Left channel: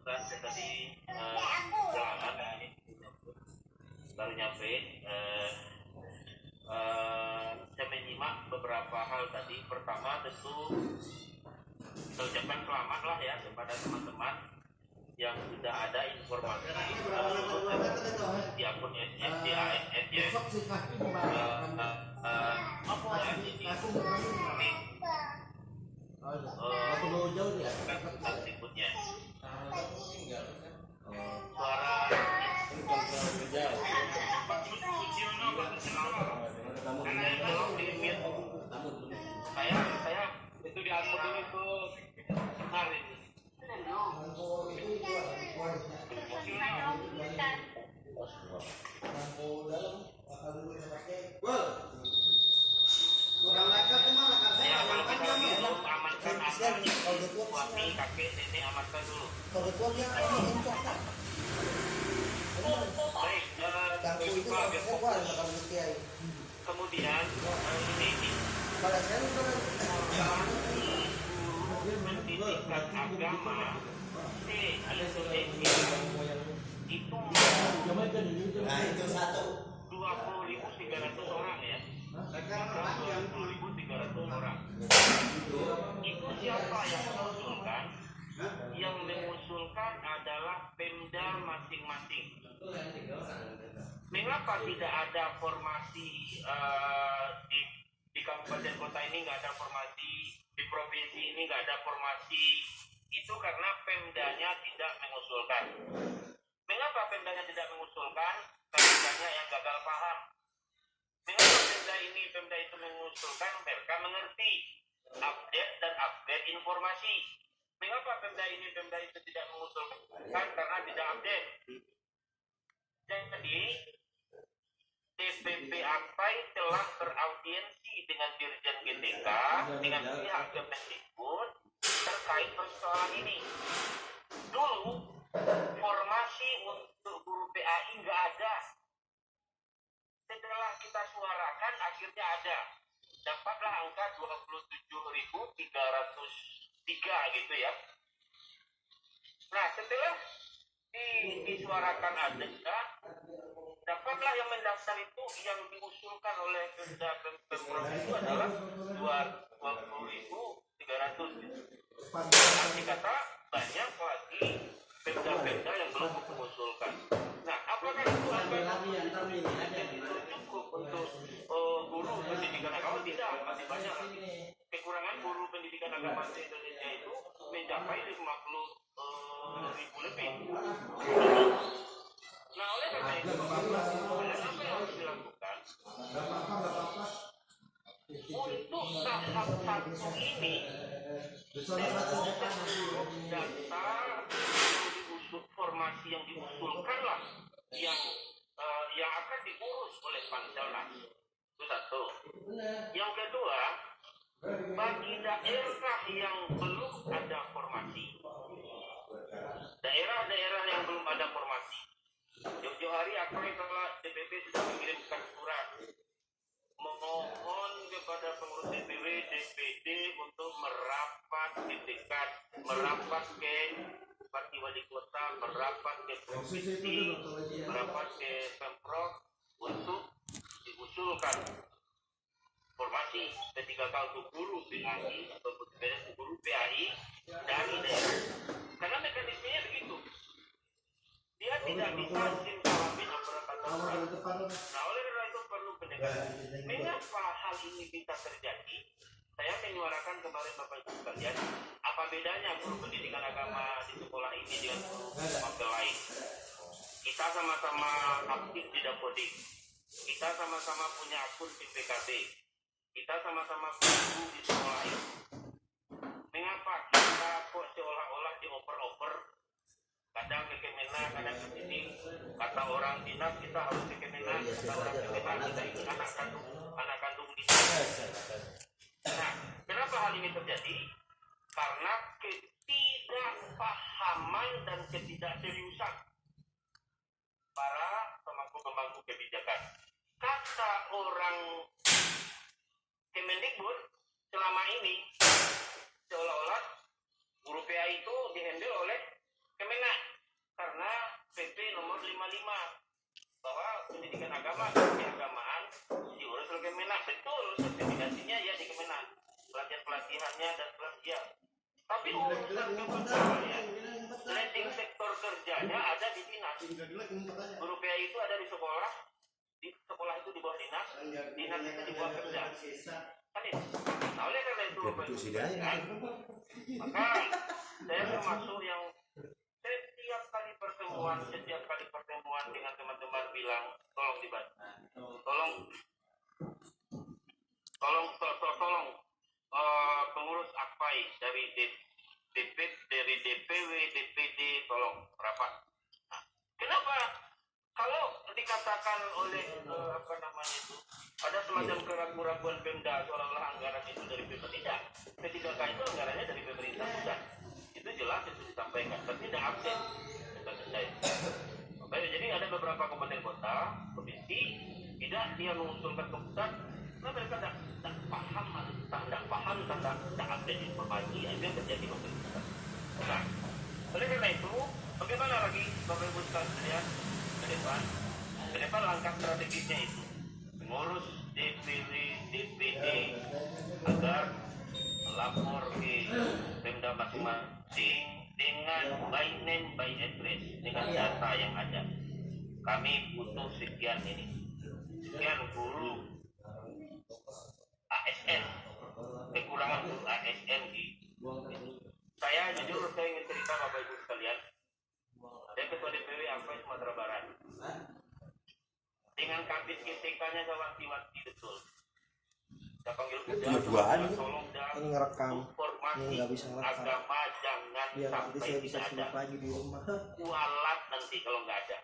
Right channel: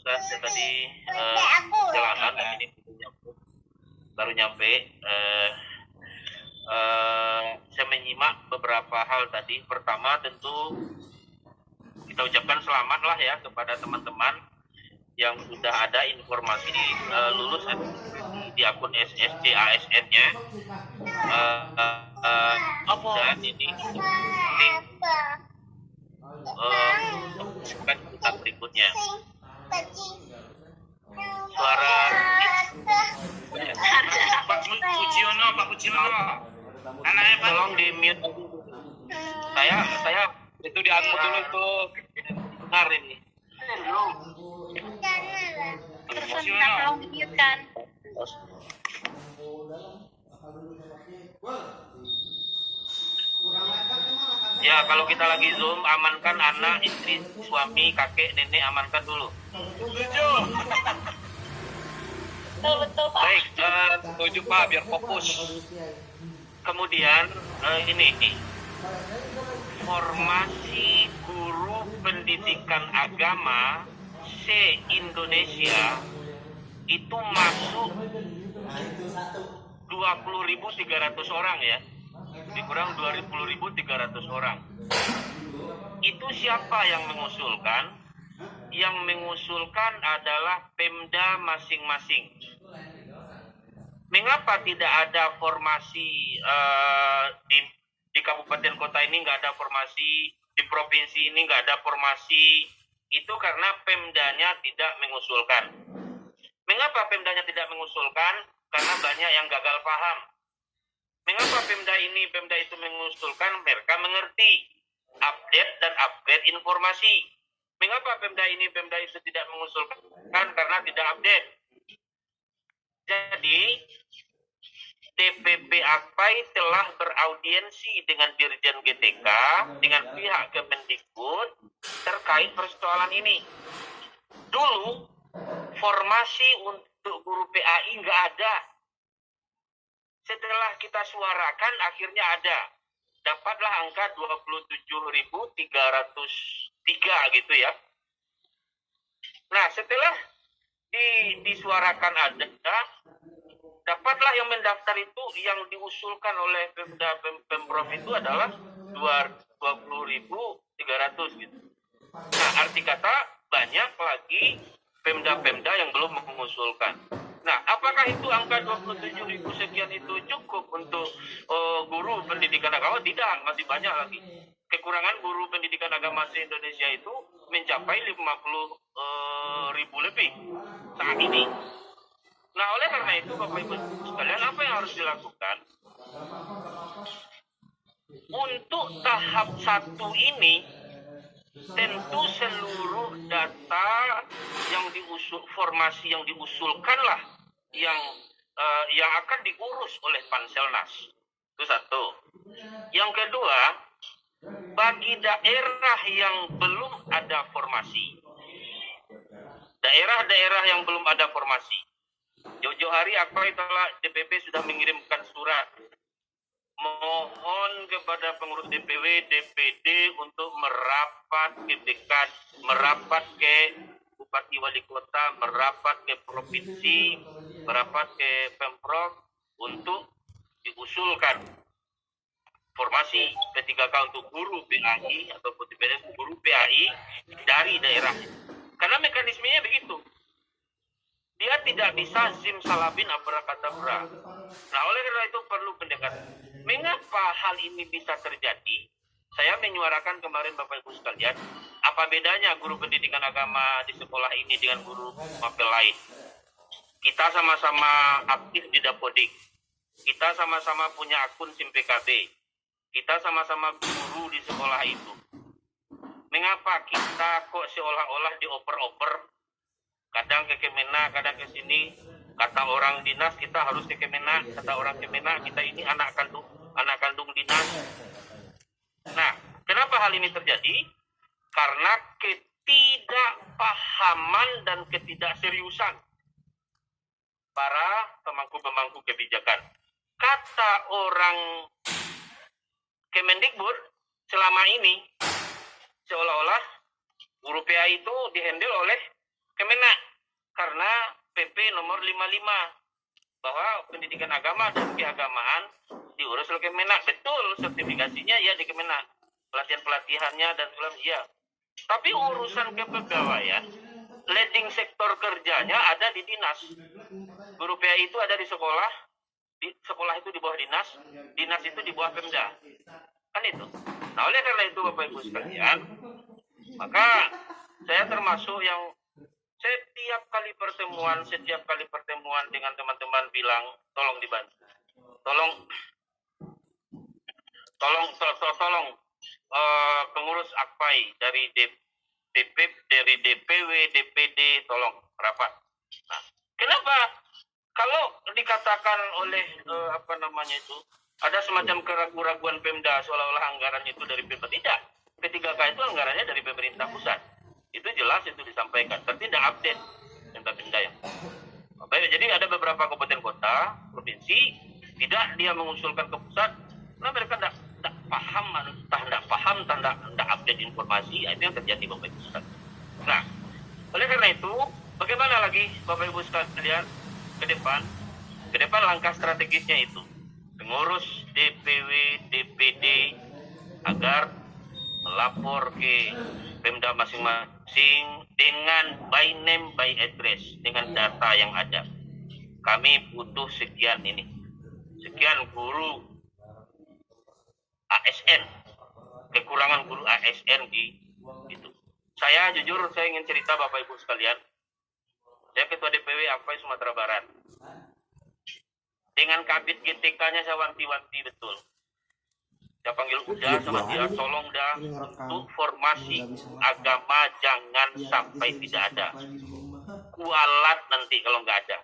Ustaz, saya tadi jalanan dan ini baru nyampe. Saya menyimak beberapa hal tadi. Pertama tentu kita ucapkan selamat lah ya kepada teman-teman yang sudah ada informasi lulus di akun ASN-nya. Dan ini tentang berikutnya suara Pak Kuciono anaknya tolong di mute. Saya itu diangkut dulu tuh dengar ini. Tolong di mute kan. Ya, kalau kita lagi Zoom, amankan anak, istri, suami, kakek, nenek, amankan dulu. Betul, Pak. Baik, setuju Pak, biar fokus. Kemudian, ini formasi guru pendidikan agama se-Indonesia itu masuk 20.300 orang ya. Dikurang 20.300 orang. Itu siapa yang mengusulkan? Yang mengusulkan adalah Pemda masing-masing. Mengapa tidak ada formasi di kabupaten kota ini, nggak ada formasi, di provinsi ini nggak ada formasi? Itu karena Pemdanya tidak mengusulkan. Mengapa Pemdanya tidak mengusulkan? Karena banyak yang gagal paham. Mengapa Pemda itu mengusulkan? Mereka mengerti update dan upgrade informasi. Mengapa Pemda itu tidak mengusulkan? Karena tidak update. Jadi DPP AKPAI telah beraudiensi dengan Dirjen GTK, dengan pihak Kemendikbud terkait persoalan ini. Dulu formasi untuk guru PAI nggak ada. Setelah kita suarakan akhirnya ada. Dapatlah angka 27.303 gitu ya. Nah, setelah disuarakan ada, dapatlah yang mendaftar itu yang diusulkan oleh Pemprov itu adalah 20.300 gitu. Nah, arti kata banyak lagi Pemda-Pemda yang belum mengusulkan. Nah, apakah itu angka 27.000 sekian itu cukup untuk guru pendidikan agama? Tidak, masih banyak lagi. Kekurangan guru pendidikan agama di Indonesia itu mencapai 50.000 lebih saat ini. Nah, oleh karena itu Bapak Ibu sekalian, apa yang harus dilakukan? Untuk tahap 1 ini, tentu seluruh data yang formasi yang diusulkanlah yang akan diurus oleh Panselnas. Itu satu. Yang kedua, bagi daerah yang belum ada formasi, daerah-daerah yang belum ada formasi, jauh-jauh hari DPP sudah mengirimkan surat mohon kepada pengurus DPW, DPD untuk merapat ke Bupati Wali Kota, merapat ke Provinsi, merapat ke Pemprov untuk diusulkan formasi P3K untuk guru PAI atau guru PAI dari daerah. Karena mekanismenya begitu. Dia tidak bisa simsalabim abracadabra. Nah, oleh karena itu perlu pendekatan. Mengapa hal ini bisa terjadi? Saya menyuarakan kemarin Bapak Ibu sekalian, apa bedanya guru pendidikan agama di sekolah ini dengan guru mapel lain? Kita sama-sama aktif di Dapodik. Kita sama-sama punya akun SIM PKB. Kita sama-sama guru di sekolah itu. Mengapa kita kok seolah-olah dioper-oper? Kadang ke Kemenak, kadang ke sini. Kata orang dinas kita harus ke Kemenak, kata orang Kemenak kita ini anak kandung dinas. Nah, kenapa hal ini terjadi? Karena ketidakpahaman dan ketidakseriusan para pemangku-pemangku kebijakan. Kata orang Kemendikbud selama ini seolah-olah guru PA itu dihandle oleh Kemenak. nomor 55 bahwa pendidikan agama dan keagamaan diurus oleh Kemenak. Betul, sertifikasinya ya di Kemenak, pelatihan-pelatihannya dan sebagainya ya. Tapi urusan kepegawaian, leading sektor kerjanya ada di dinas. Guru PAI itu ada di sekolah itu di bawah dinas itu di bawah Pemda. Kan itu. Nah, oleh karena itu Bapak Ibu sekalian, maka saya termasuk yang setiap kali pertemuan dengan teman-teman bilang tolong dibantu. Tolong pengurus AKPAI dari dari DPW, DPD tolong rapat. Nah, kenapa? Kalau dikatakan oleh ada semacam keraguan Pemda seolah-olah anggaran itu dari Pemda, tidak. P3K itu anggarannya dari pemerintah pusat. Itu jelas, itu disampaikan, tapi tidak update Pemda yang. Jadi ada beberapa kabupaten kota, provinsi tidak dia mengusulkan ke pusat, karena mereka tidak paham, tidak update informasi, itu yang terjadi Bapak Ibu sekalian. Nah, oleh karena itu, bagaimana lagi Bapak Ibu sekalian ke depan langkah strategisnya itu pengurus DPW, DPD agar melapor ke Pemda masing-masing dengan by name, by address, dengan data yang ada. Kami butuh sekian guru ASN, kekurangan guru ASN di itu. Saya ingin cerita Bapak Ibu sekalian. Saya ketua DPW AKPAI Sumatera Barat. Dengan Kabid GTK-nya saya wanti-wanti betul. Saya panggil udah sama dia, tolong dah untuk formasi agama jangan sampai tidak ada. Kualat nanti kalau nggak ada.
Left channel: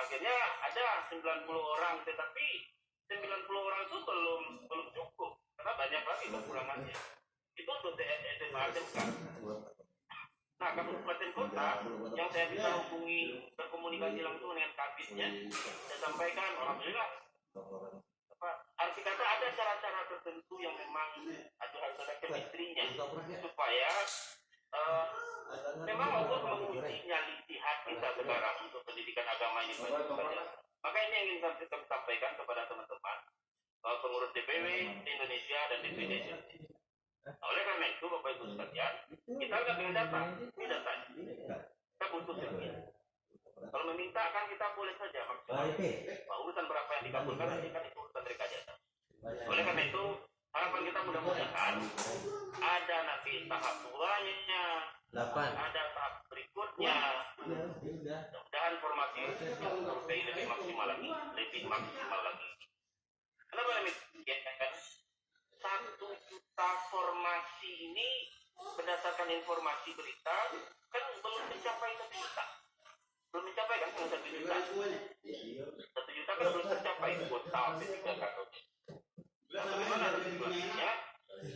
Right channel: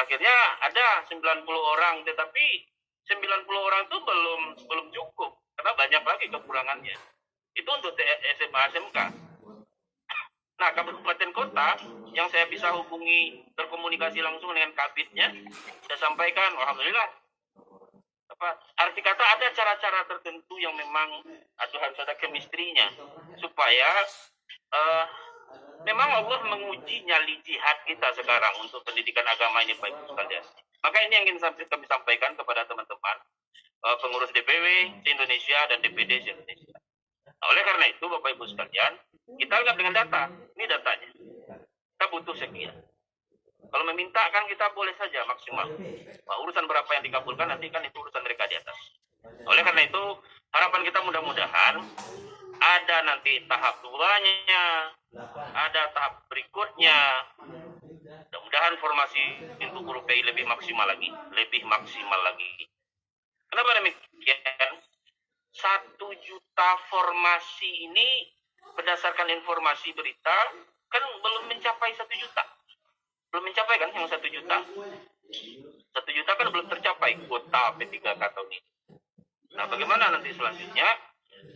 Akhirnya ada 90 orang, tetapi 90 orang itu belum cukup karena banyak lagi kekurangannya. Itu untuk SMA SMK. Nah, kabupaten kota yang saya bisa hubungi, berkomunikasi langsung dengan kabitnya, saya sampaikan, alhamdulillah. Arti kata ada cara-cara tertentu yang memang harus ada chemistry-nya supaya memang Allah menguji nyali jihad kita sekarang untuk pendidikan agama ini Bapak Ibu sekalian. Maka ini yang ingin kami sampaikan kepada teman-teman pengurus DPW se-Indonesia dan DPD se-Indonesia. Nah, oleh karena itu Bapak Ibu sekalian, kita lihat dengan data. Ini datanya. Kita butuh sekian. Kalau meminta kan kita boleh saja maksimal. Nah, urusan berapa yang dikabulkan nanti kan itu urusan mereka di atas. Oleh karena itu harapan kita mudah-mudahan ada nanti tahap 2-nya, ada tahap berikutnya. Mudah-mudahan formasi untuk guru PI lebih maksimal lagi. Kenapa demikian? 1 juta formasi ini berdasarkan informasi berita kan belum mencapai 1 juta. Belum mencapai kan yang 1 juta. 1 juta kan belum tercapai kuota P3K tahun ini. Nah, bagaimana nanti selanjutnya?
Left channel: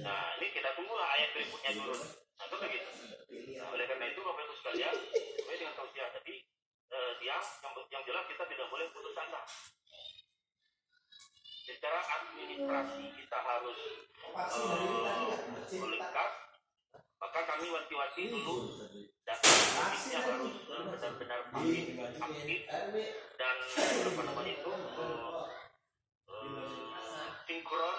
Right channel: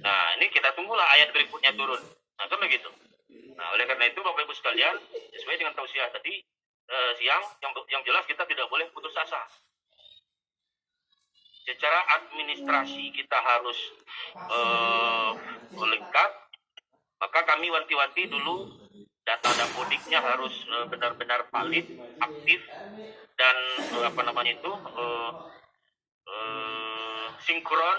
Nah, ini kita tunggulah ayat berikutnya turun. Nah, kan begitu. Nah, oleh karena itu Bapak Ibu sekalian, sesuai dengan tausiah tadi siang, yang jelas kita tidak boleh putus asa. Secara administrasi kita harus lengkap. Maka kami wanti-wanti dulu data dapodiknya harus benar-benar valid, aktif, dan sinkron,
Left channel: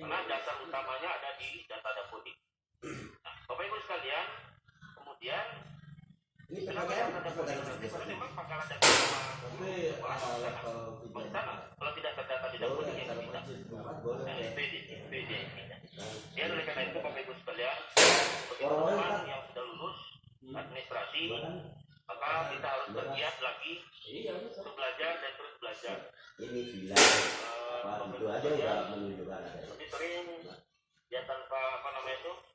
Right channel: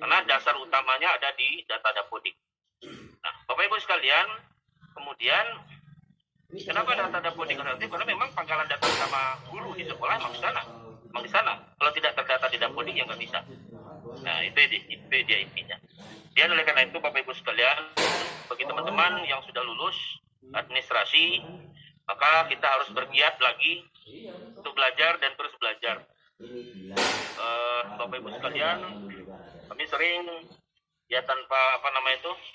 karena dasar utamanya ada di data dapodik. Nah, Bapak Ibu sekalian, kemudian kenapa data dapodik relatif? Karena memang pangkalan data sama guru di sekolah memang di sana. Kalau tidak terdata di dapodik ya nggak bisa. Nah, itu dia intinya. Dan oleh karena itu Bapak Ibu sekalian, bagi teman-teman yang sudah lulus administrasi, maka kita harus bergiat lagi untuk belajar dan terus belajar. Bapak Ibu sekalian, kami sering ya tanpa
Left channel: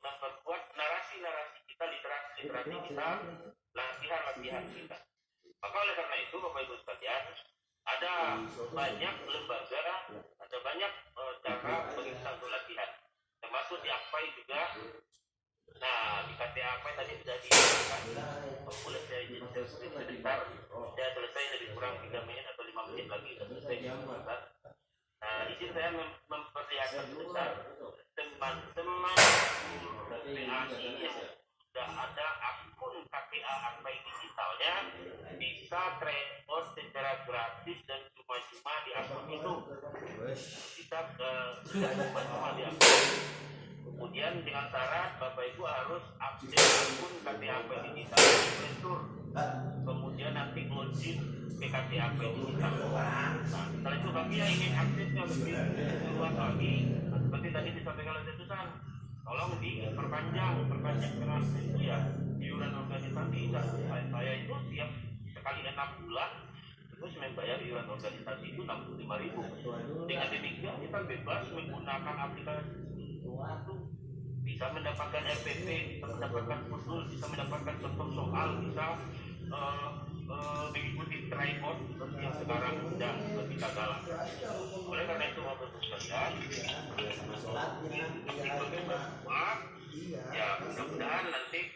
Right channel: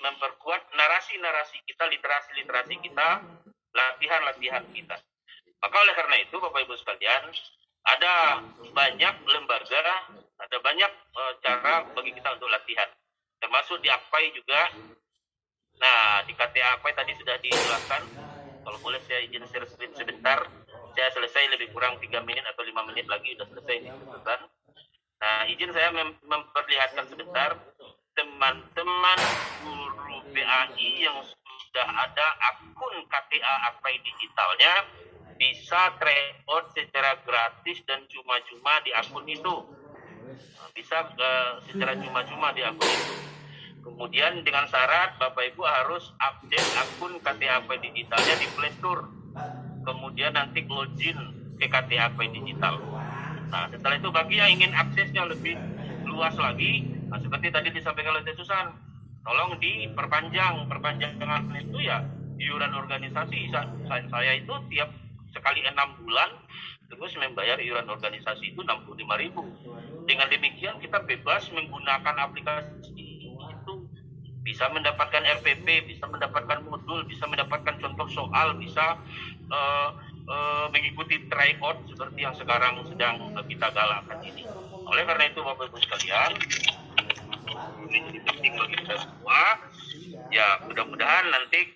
memperkuat narasi-narasi kita, literasi kita, latihan kita. Maka oleh karena itu Bapak Ibu sekalian, ada banyak lembaga, ada banyak cara bagi kita untuk latihan, termasuk di AKPAI juga. Nah, di KTA AKPAI tadi sudah dijelaskan. Kalau boleh saya izin share screen sebentar. Saya selesai lebih kurang 3 menit atau 5 menit lagi sudah selesai. Nah, izin saya memperlihatkan sebentar teman-teman guru PAI yang sudah ada akun KTA AKPAI digitalnya bisa tryout secara gratis dan cuma-cuma di akun itu. Bisa secara cuma-cuma di akun. Kemudian dengan syarat Bapak Ibu harus update akun KTAP digitalnya di Play Store. Kemudian nanti login ke KTAP digital. Nah, setelah itu bagi yang ingin aksesnya lebih luas lagi, nah, seperti tadi disampaikan oleh Teh Susan, tolong perpanjangan itu ya iuran organisasi. Saya itu tiap sekali 6 bulan terus membayar iuran organisasi itu 65.000. Dengan demikian kita bebas menggunakan aplikasi itu, bisa mendapatkan RPP, bisa mendapatkan modul, bisa mendapatkan contoh soal, bisa mengikuti tryout seperti yang sekarang sedang kita galakkan ini. Oleh karena itu Bapak Ibu sekalian, ini bagi kita semua, ya mudah-mudahan nanti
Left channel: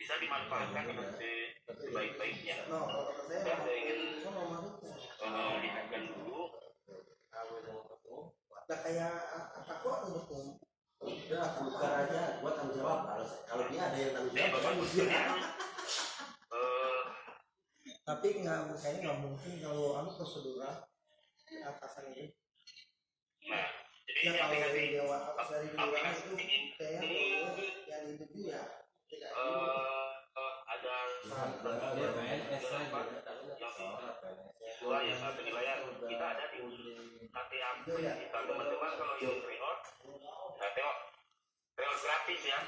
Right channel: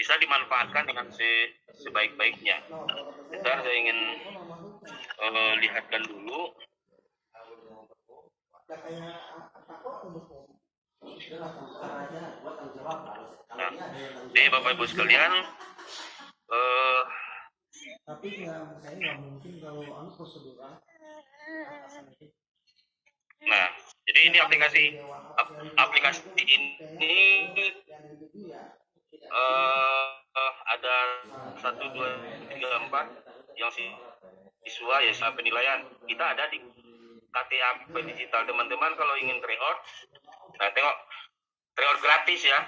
bisa dimanfaatkan dengan sebaik-baiknya. Sebentar saya ingin lihatkan dulu. Nah, Bapak Ibu sekalian, tapi kayaknya nggak mungkin kalau prosedural. Nah, jadi ini aplikasi ini ada 1, 2, 3, 4 yang siswa ya sama penilaian. Kita ada di KTAP digital. Teman-teman kalau ingin tryout, nah tengok tryout gratis ya.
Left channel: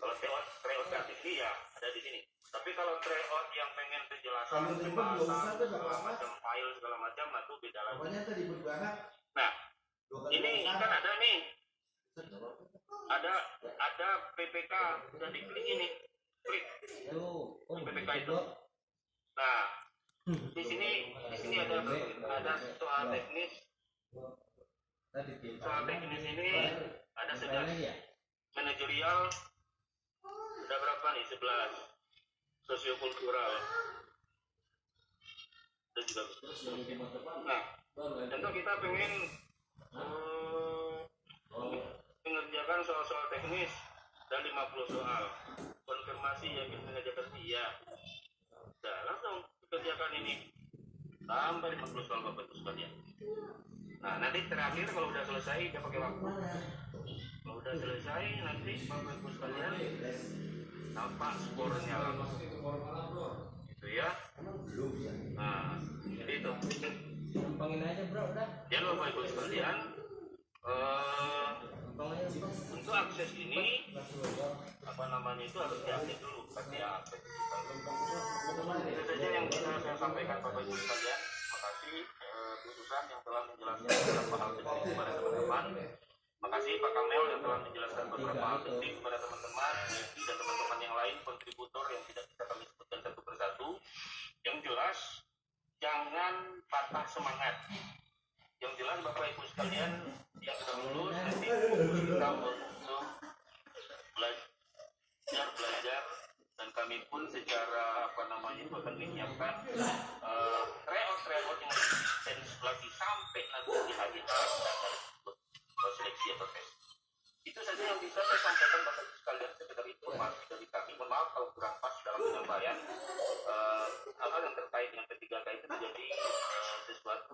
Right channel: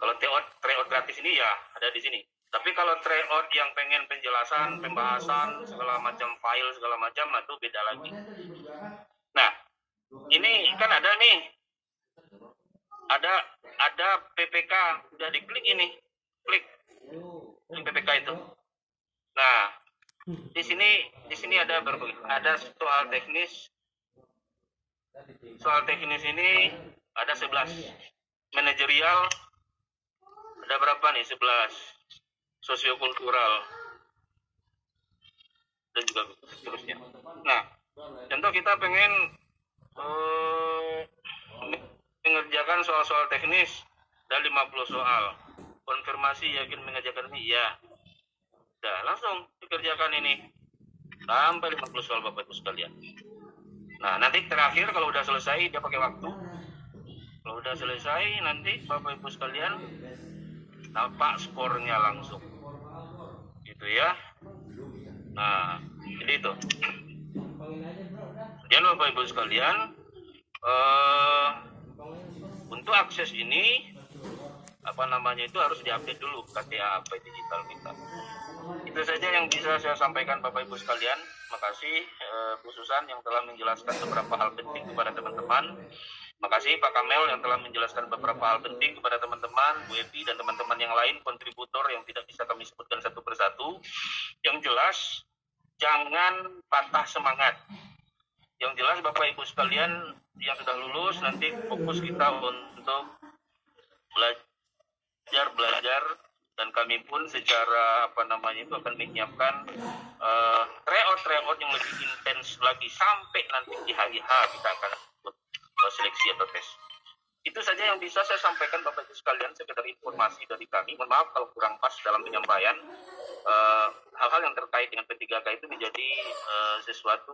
Kalau tryout gratis ini ya ada di sini. Tapi kalau tryout yang pengen penjelasan, pembahasan, segala macam file, segala macam, itu beda lagi. Nah, ini kan ada nih, ada PPK, udah diklik ini, klik PPK itu. Nah, di sini ada soal teknis. Soal teknis ini ada 11. Manajerial ada berapa nih? 11. Sosiokultural dan juga seterusnya. Nah, contoh kita pengen mengerjakan soal-soal teknis dan 50 soal. Konfirmasi yakin mengerjakan ini? Iya. Nah, langsung dikerjakan ini sampai 50 soal Bapak Ibu sekalian. Nah, nanti terakhir kalau udah selesai dia pakai waktu. Kalau udah selesai nanti Bapak Ibu sekalian nampak skornya langsung. Gitu ya. Nah, jadi itu. Jangan lupa Bapak Ibu sekalian, untuk akses ini itu harus diupdate dulu KTAP digital kita. Itu saja yang bisa saya sampaikan Bapak Ibu sekalian. Terima kasih khususan yang telah menjelaskan beberapa hal penting kepada teman-teman. Makasih Pak Kamel yang telah menjelaskan beberapa hal penting kepada teman-teman, Bu Evi dan teman-teman yang lain kontributor yang tidak bisa kami sebutkan satu persatu. Yang jelas jangan patah semangat. Yang jelas Bapak Ibu sekalian yang sudah lulus nanti fokus kita untuk belajar dan kami pun secara akan menyiapkan tryout yang lebih intens lagi sampai nanti di hari H kita akan seleksi atau tes. Itu saja yang bisa saya sampaikan Bapak Ibu sekalian, sekedar informasi dari kami. Mohon maaf kalau kurang pas dalam penyampaian. Hal-hal yang terkait dengan P3K itu menjadi sesuatu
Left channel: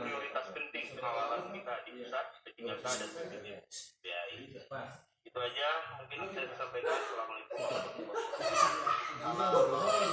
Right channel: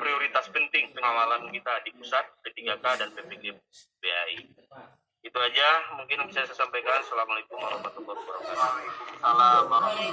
prioritas penting pengawalan kita di pusat P3K dan PPGBAI. Itu aja mungkin bisa saya sampaikan. Assalamualaikum warahmatullahi wabarakatuh.